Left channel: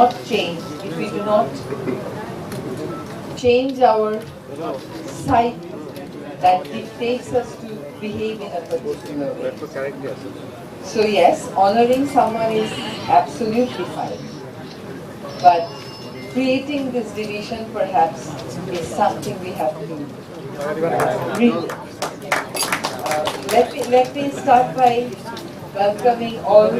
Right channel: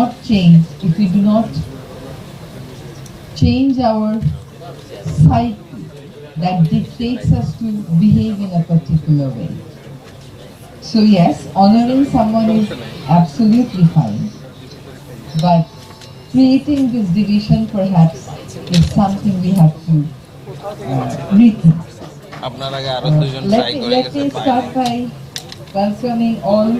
not change, if we do not change our psyche that dictates us to behave in a particular way. So yes, honoring someone is absolutely fine, but creating this division perhaps is something we have to rethink. Let me start by welcoming all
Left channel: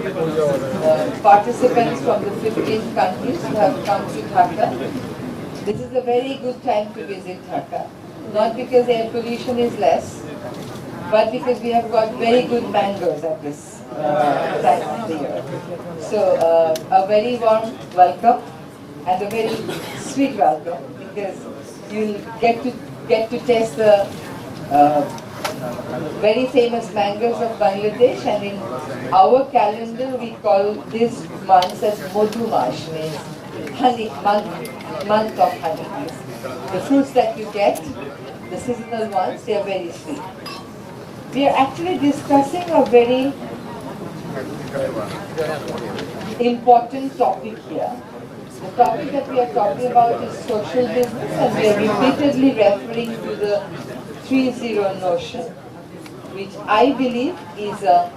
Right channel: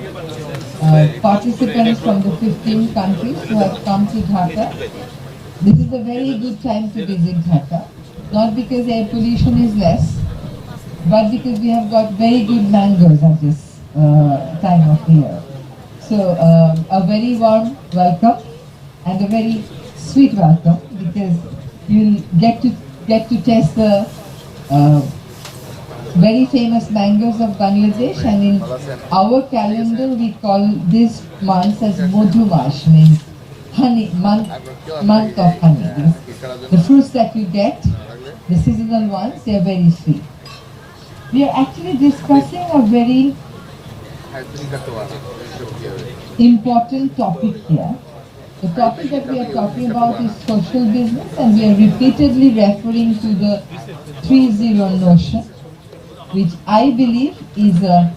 participants from the 15 countries who have come to Dhaka. This is a very good time to visit Dhaka, not because air pollution is less, but because we have got very good mangoes at this time of the year. So a very warm welcome and a very sweet welcome, because you'll get to taste the very famous mangoes of Bangladesh, and in our calendar we call these months as Madhumash, means honey, month of honey. The fruits that you get, the seasonal ones, they are very sweet. We are actually discussing a very important topic here. The topic that we are talking about is social business, and we are repeatedly referring to the 3-0 notion, which I believe is a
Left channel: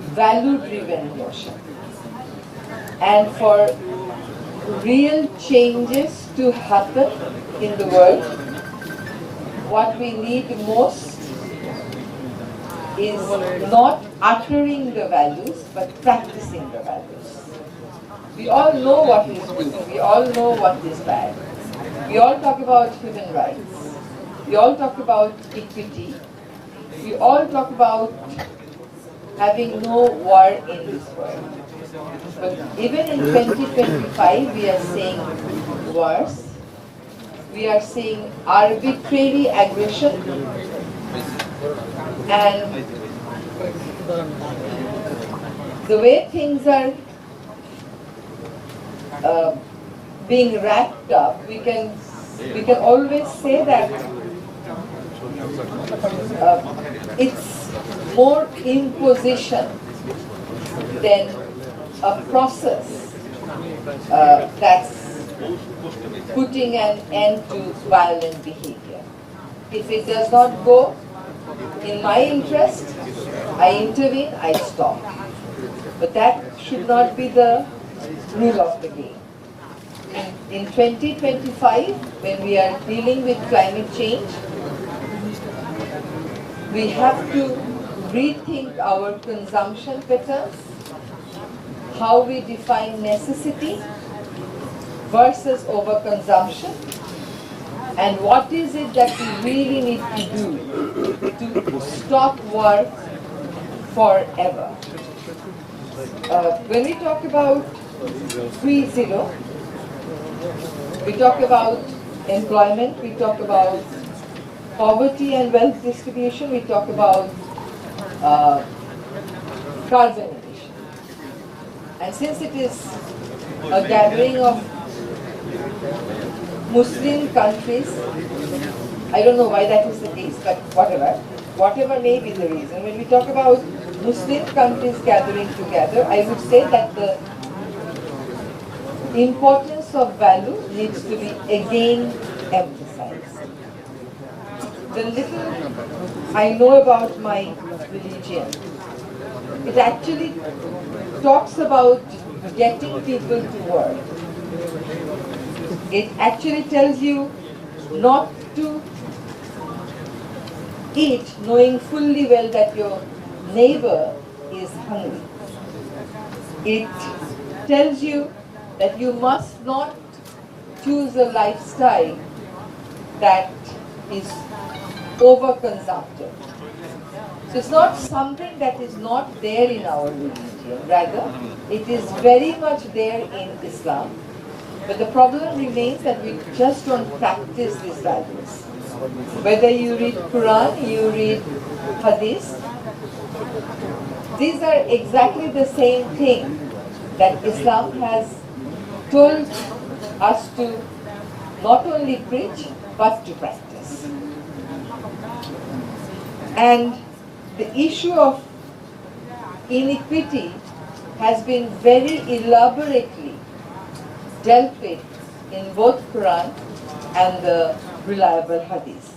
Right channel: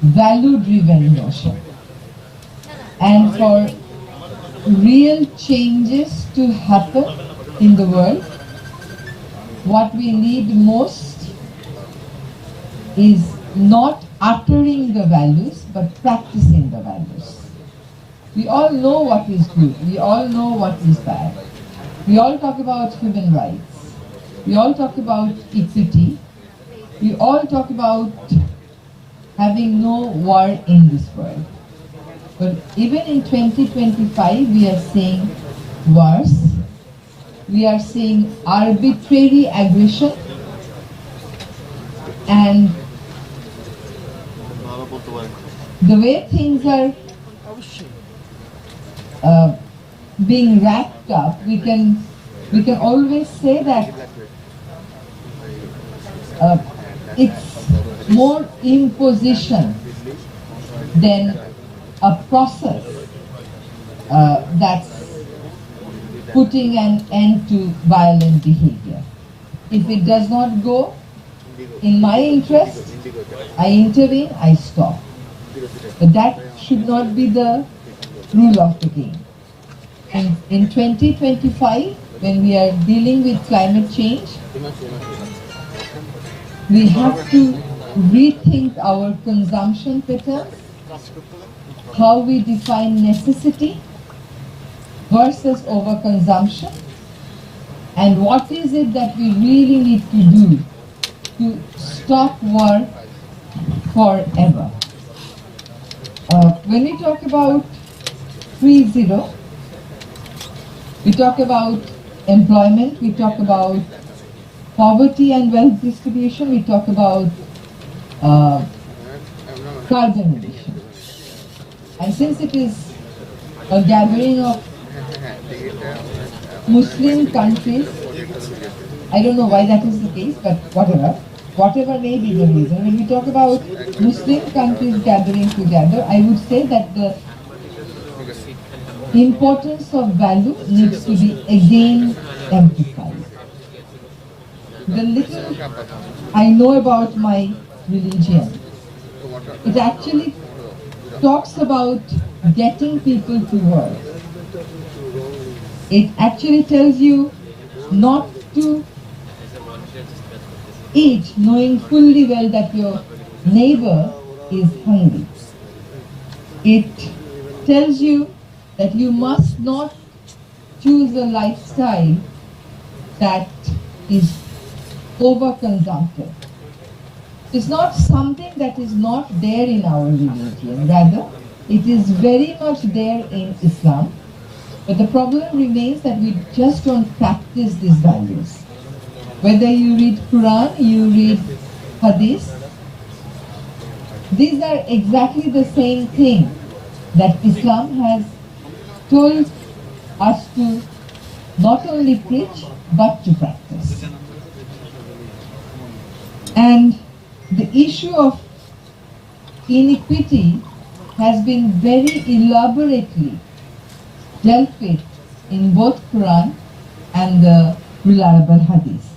value-driven notion. And for real changes to happen in the world, what we need most is not uttering the values, but practicing the values. We all know what is good, we all know what is bad. We all talk about human rights, we all talk about equity, we all talk about having no war in this world. But even in 2025, we are seeing wars, we are seeing arbitrary aggression, and the way things are being wrapped up, we can always say that it's more imposition than a process that's putting an end to violent behavior. If it does not go in my interest, I intervene, I stop. But that should not be the rule of the game. In 2025, when we are dealing with climate change, we have to rethink our consumption patterns, how we define necessity versus overconsumption, and what is it that we really need to do to stop war forever. When we talk about 3-0, we talk about employment, we talk about poverty and wealth distribution, we talk about carbon emission. And since it is a gathering of Muslim countries, I don't know why that is the case, but whatever may be the reason, when we talk about Muslim countries gathering together, I would say that the importance of value needs to be again emphasized. The little I know about my religion, it actually talks about getting people to work. It actually tells you not to eat knowing fully well that your neighbor is hungry. It tells you that you must not choose a lifestyle that is overconsumptive. It's not something that is not there in our religion, rather it is very much there in Islam, but the problem remains that we just don't practice these values. Whether you read Quran, you read Hadith, these are exactly the same thing that Islam has told us to not only preach but to practice. And the issue of inequity has been very elaborately dealt with in both Quran and the reliable Hadith.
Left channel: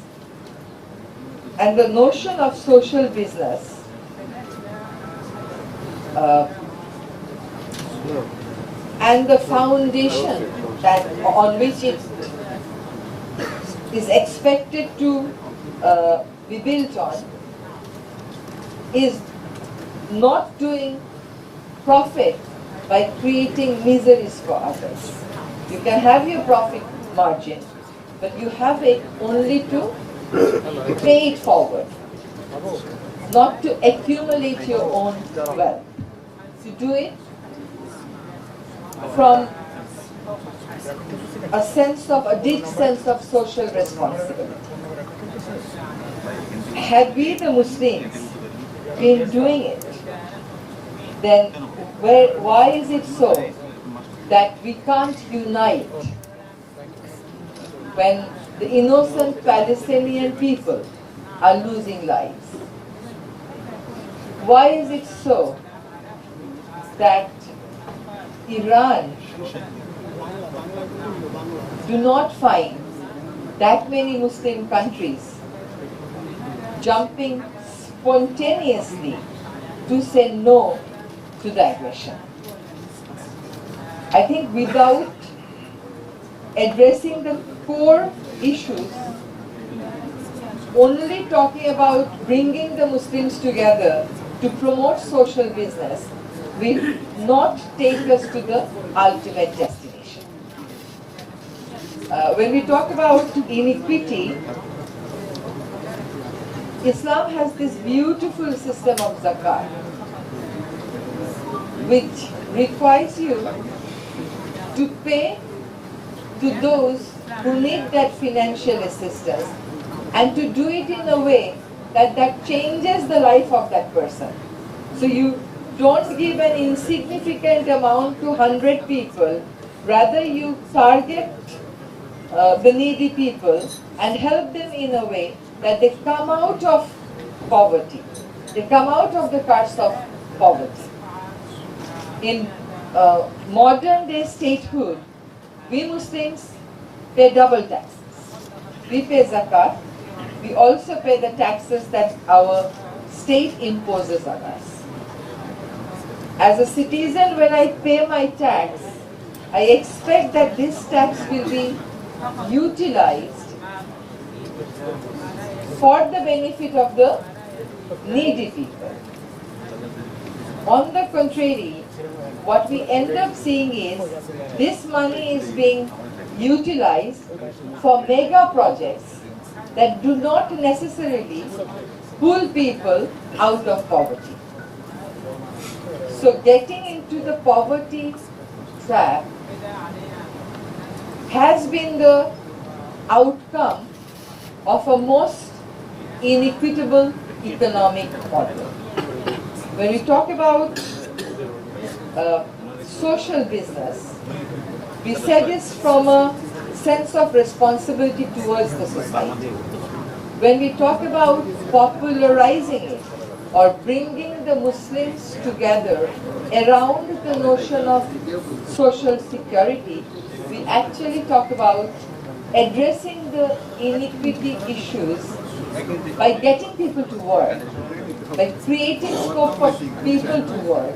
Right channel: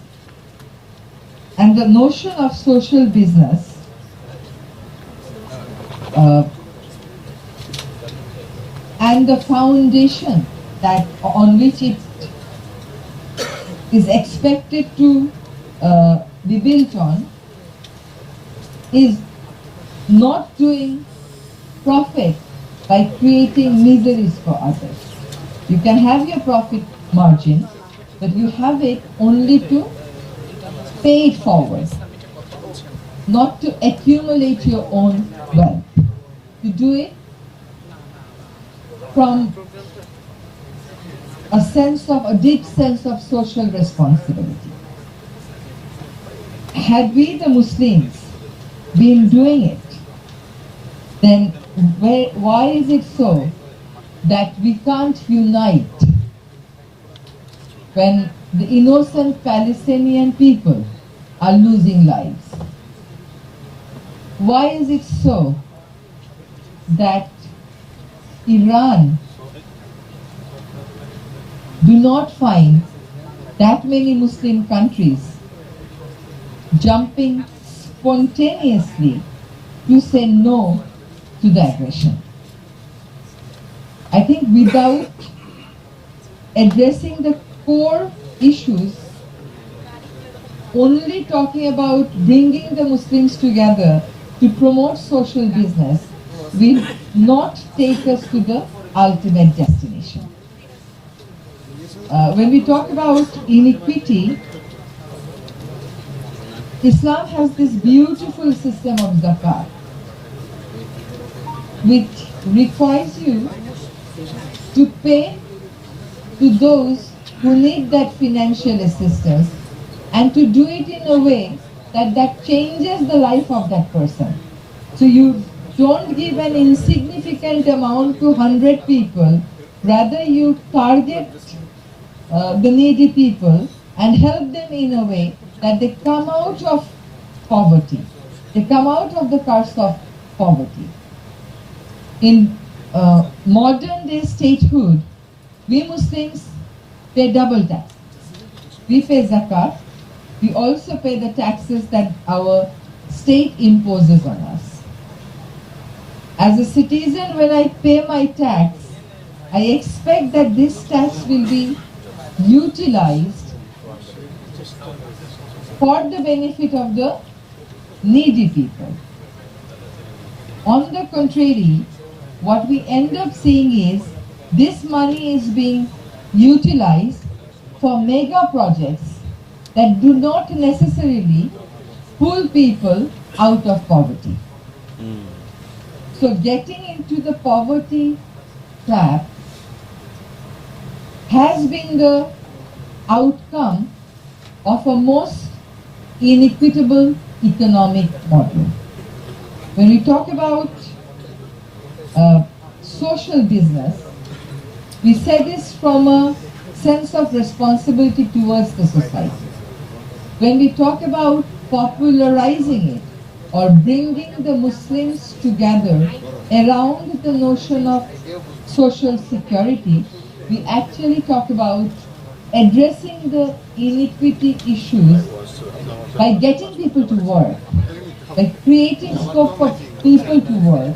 And the notion of social business and the foundation that on which it is expected to be built on is not doing profit by creating miseries for others. You can have your profit margin, but you have it only to pay it forward, not to accumulate your own wealth. To do it from a deep sense of social responsibility. Had we the Muslims been doing it, then why is it so that we can't unite when the innocent Palestinian people are losing lives? Why is it so that Iran do not find that many Muslim countries jumping spontaneously to say no to the aggression? I think without addressing the core issues, only talking about bringing the Muslims together to promote social business will not take us to the ultimate destination. When we talk about inequity, Islam has this beautiful system of zakat, which requires you to pay to those who need that financial assistance, and to do it in a way that changes the life of that person. So you don't give an insignificant amount to 100 people, rather you target the needy people and help them in a way that they come out of poverty. They come out of the curse of poverty. In modern day statehood, we Muslims pay double tax. We pay zakat. We also pay the taxes that our state imposes on us. As a citizen, when I pay my tax, I expect that this tax will be utilized for the benefit of the needy people. On the contrary, what we end up seeing is this money is being utilized for mega projects that do not necessarily pull people out of poverty. So getting into the poverty trap has been the outcome of a most inequitable economic model. When we talk about social business, we say this from a sense of responsibility towards the society. When we talk about popularizing it or bringing the Muslims together around the notion of social security, we actually talk about addressing the inequity issues by getting people to work, by creating scope for people to work,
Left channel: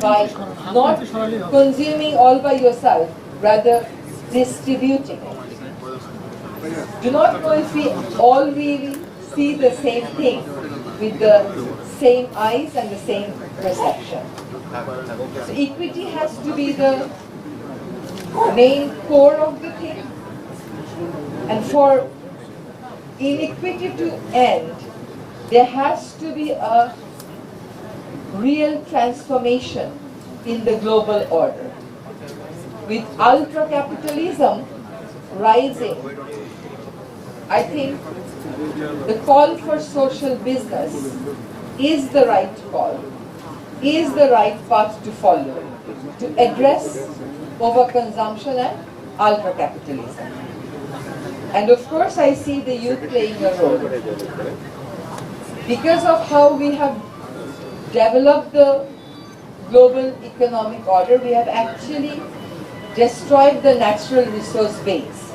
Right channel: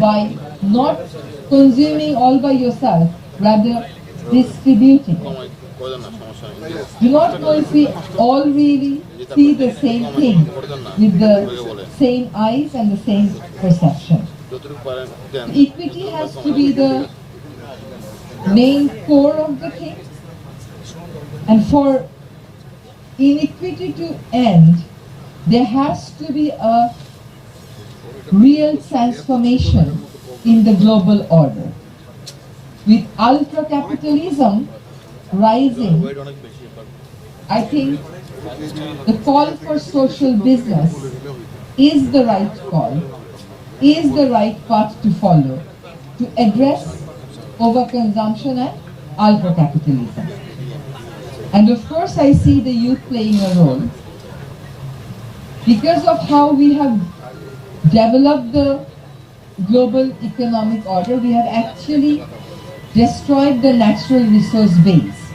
by not consuming all by yourself, rather distributing it. Do not know if we all really see the same thing with the same eyes and the same perception. So equity has to be the main core of the thing. And for inequity to end, there has to be a real transformation in the global order. With ultra-capitalism rising, I think the call for social business is the right call, is the right path to follow to address overconsumption and ultra-capitalism. And of course, I see the youth playing a role. Because of how we have developed the global economic order, we have actually destroyed the natural resource base.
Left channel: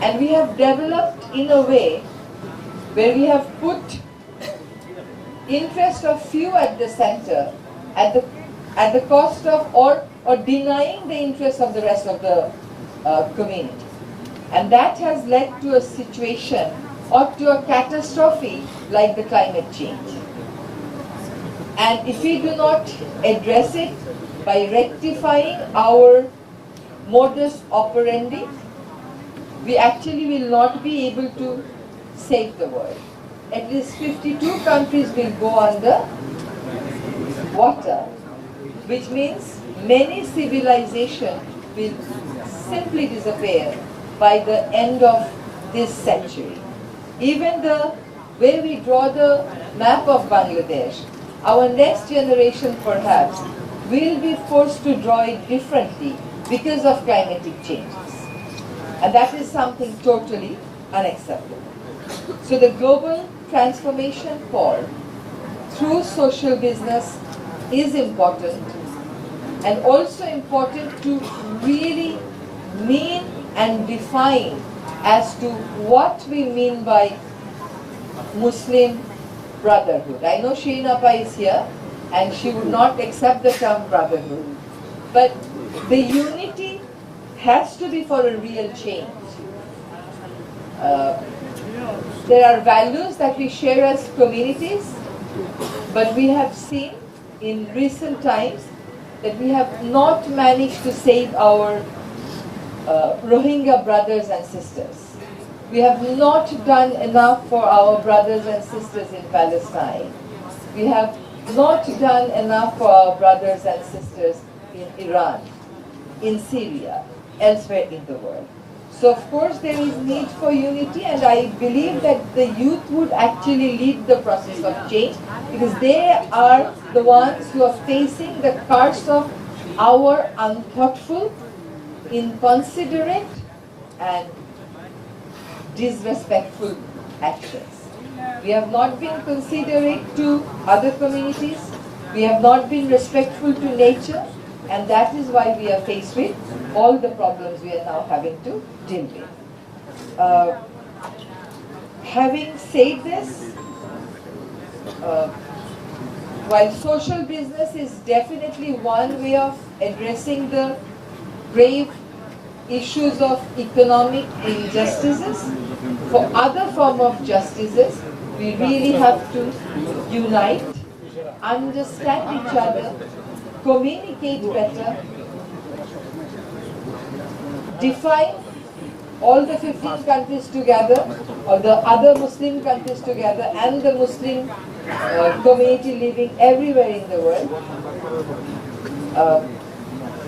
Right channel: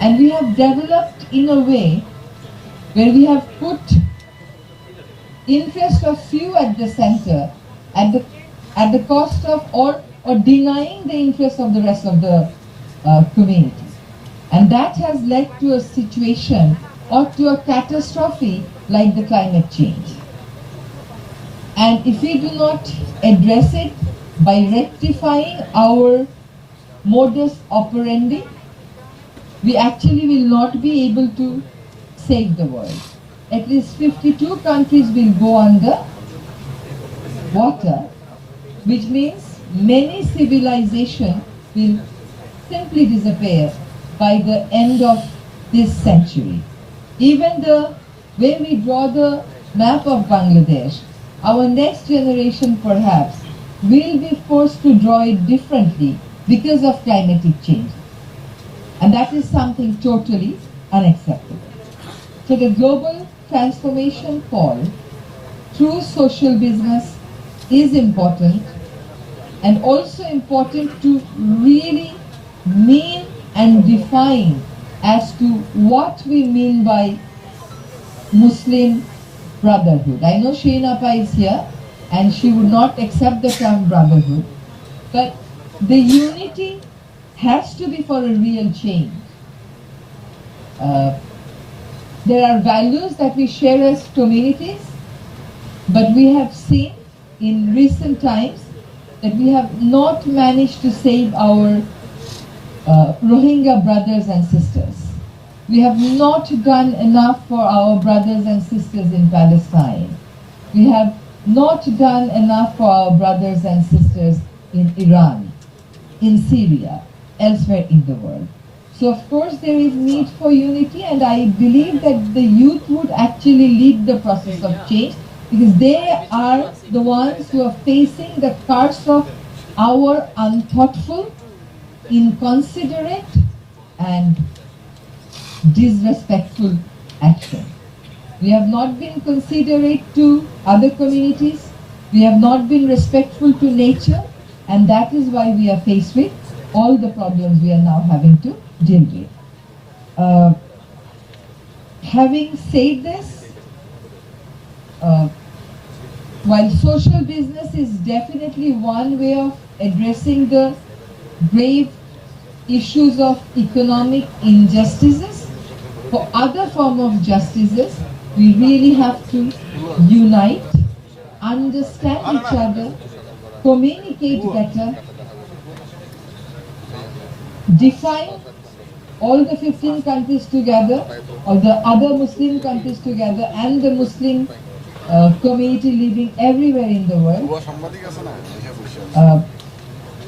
And we have developed in a way where we have put interest of few at the center at the cost of or denying the interest of the rest of the community. And that has led to a situation or to a catastrophe like the climate change. And if we do not address it by rectifying our modus operandi, we actually will not be able to save the world. At least 52 countries will go under water, which means many civilizations will simply disappear by the end of this century. Even the way we draw the map of Bangladesh, our next generation perhaps will be forced to draw it differently because of climatic changes. And that is something totally unacceptable. So the global transformation call through social business is important, and also important to really mean and define as to what we mean by Muslim brotherhood. I know Shireen Appa is here and she would not accept the term brotherhood, but the unity has to be for a real change. There are values that we share as communities, but we have seen in recent times that we have not managed to save our Rohingya brothers and sisters. We have not done enough for our brothers and sisters in Palestine. We have not done enough for our brothers and sisters in Iran, in Syria, elsewhere in the world. So of course there is need for unity, and I believe that the youth would actually lead the process of change, because they are the ones who are facing the curse of our unthoughtful, inconsiderate and disrespectful actions. We have not been considerate to other communities, we have not been respectful to nature, and that is why we are faced with all the problems we are now having to deal with. Having said this, while social business is definitely one way of addressing the grave issues of economic injustices, for other form of justices, we really have to unite, understand each other, communicate better, define all the 15 countries together, or the other Muslim countries together, and the Muslim community living everywhere in the world,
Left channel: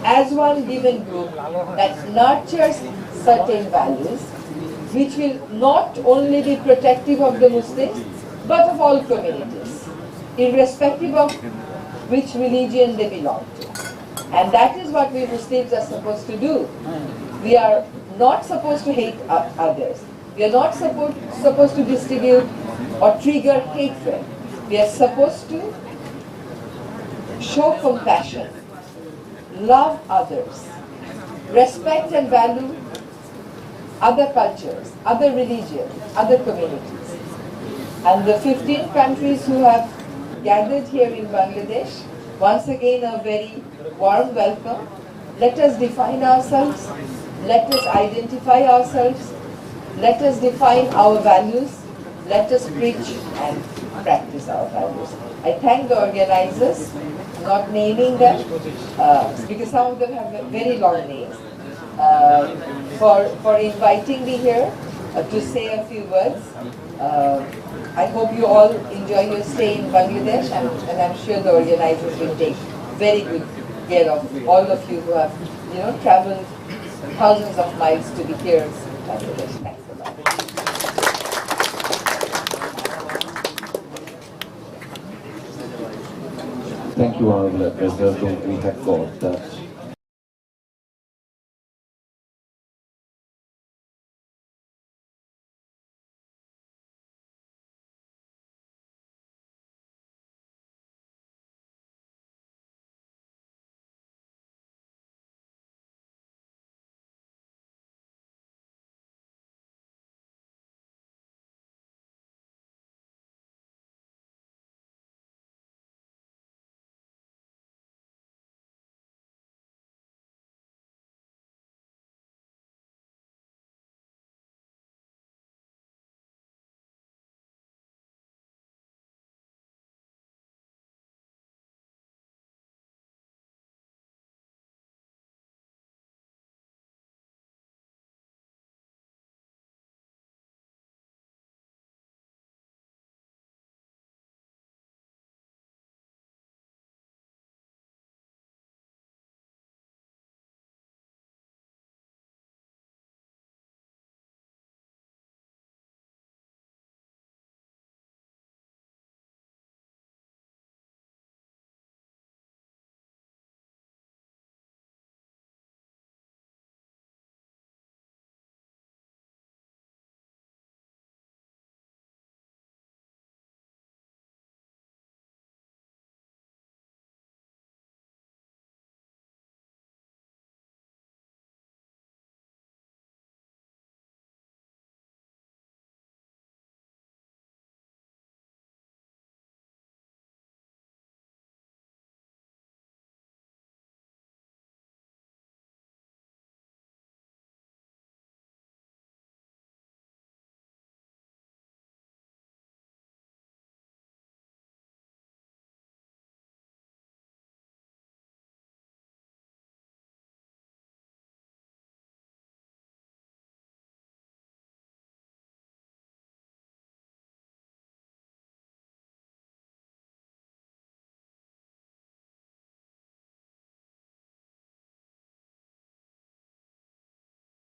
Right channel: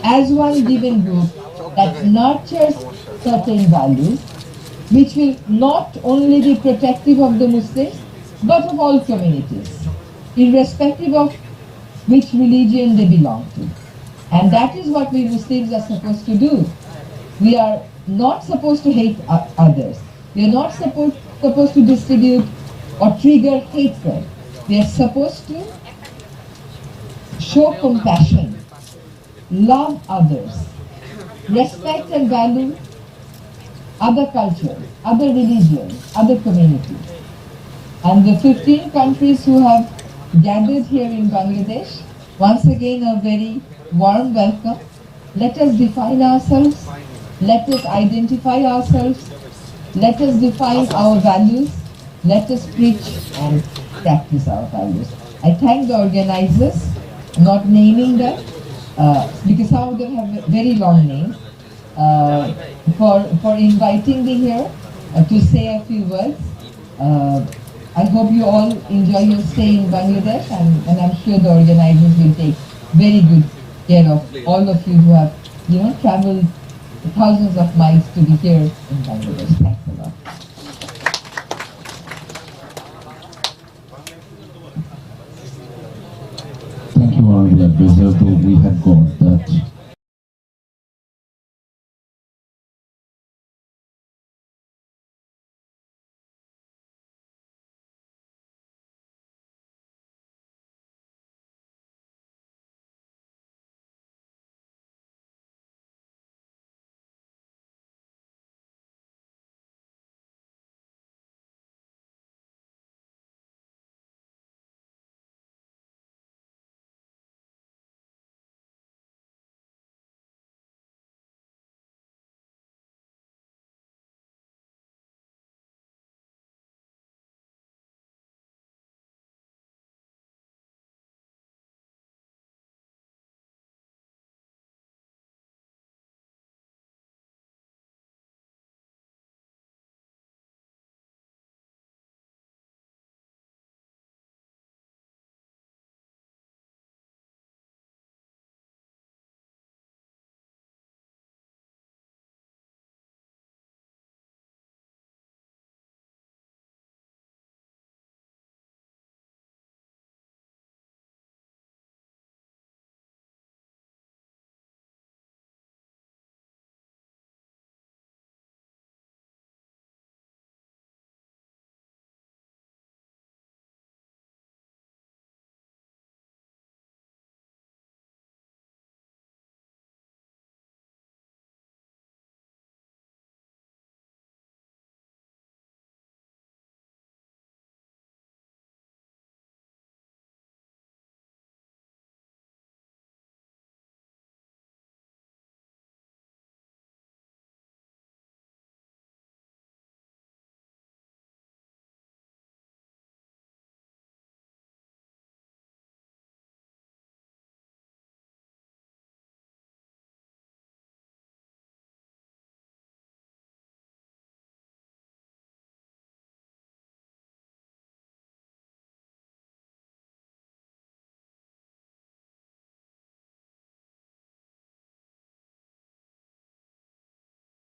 as one given group that nurtures certain values, which will not only be protective of the Muslims, but of all communities, irrespective of which religion they belong to. And that is what we Muslims are supposed to do. We are not supposed to hate others. We are not supposed to distribute or trigger hatred. We are supposed to show compassion, love others, respect and value other cultures, other religions, other communities. And the 15 countries who have gathered here in Bangladesh, once again a very warm welcome. Let us define ourselves, let us identify ourselves, let us define our values, let us preach and practice our values. I thank the organizers, not naming them, because some of them have very long names, for inviting me here to say a few words. I hope you all enjoy your stay in Bangladesh, and I'm sure the organizers will take very good care of all of you who have, traveled thousands of miles to be here in Bangladesh. Thanks a lot. Thank you, Honorable Advisor. We have got that